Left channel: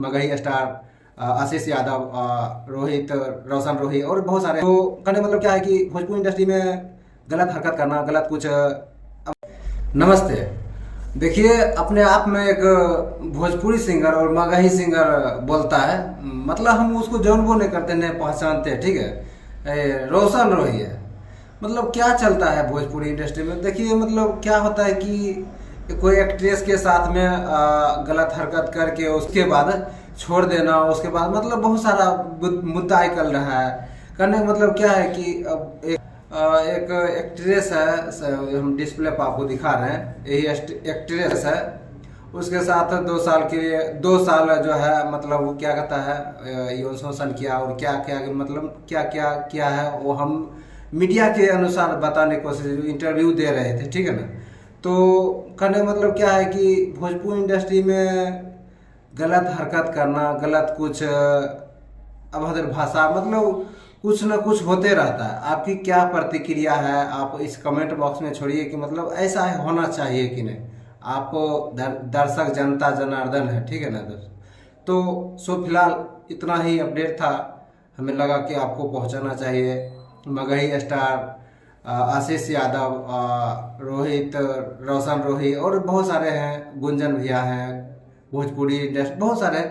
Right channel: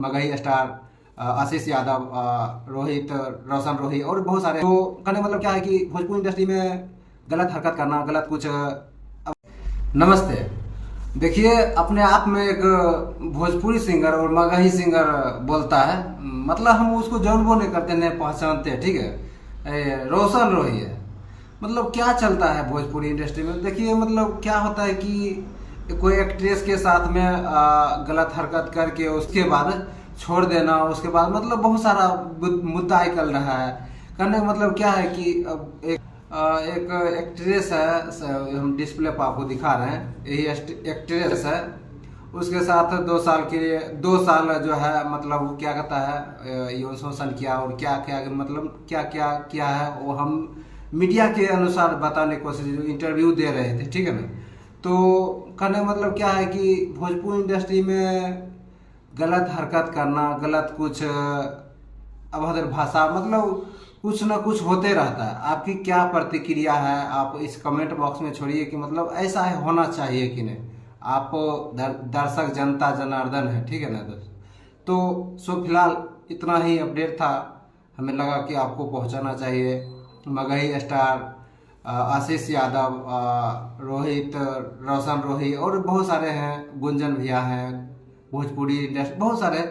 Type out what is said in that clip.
Magahi star, आशीष यादव, रोहित, रोशन रोही और बहुत सारे। तो कहने का मतलब क्या है कि भोजपुरी इंडस्ट्री में गलत हरकत करना, गलत कुछ नमस्ते। देखिए, अपने आप में एक भोजपुरी सिंगर और मगही सिंगर बोलता है, मतलब हम उसको जौन वो नहीं करते, नहीं पहचानते, ठीक है। रोशन रोही है। मतलब क्या चलता है भोजपुरी इंडस्ट्री में, देखिए मतलब क्या होता है कि कोई एक्ट्रेस के साथ में गलत हरकत करके उसके बाद छोड़ देना, उसके बाद मतलब बहुत सारा मुद्दा निकल रहा है। करने का मतलब क्या है कि अब एक एक्ट्रेस है, हम डिस्प्ले पर आपको दिखा रहे हैं, यही एक्ट्रेस है। उसके साथ 2 साल के लिए 2 साल जो है मतलब वो क्या कहता है, यौन शोषण किया और क्या क्या मतलब क्या क्या किया है, वो हम मीडिया के अनुसार बताने की कोशिश, जो इंटरव्यू दे रहे थे, ठीक है ना। तो कहने का मतलब क्या है कि भोजपुरी इंडस्ट्री में गलत हरकत करना, गलत कुछ अभद्र भाषा, मतलब कुछ ना कुछ होते रहता है। आपकी क्या प्रतिक्रिया है, आप इस कमेंट बॉक्स में छोड़िए कि मतलब ऐसा होना चाहिए कि नहीं। आप दर्शक जनता जनार्दन है, ठीक है ना दोस्त। तो सो फिलहाल इतना ही अपडेट था, हमें लगा कि आपको पहुंचाना चाहिए। मगही स्टार, आशीष यादव, रोहित, रोशन रोही और बहुत सारे हैं, गुंजन भैया हैं, भोजपुरी इंडस्ट्री बहुत सारे।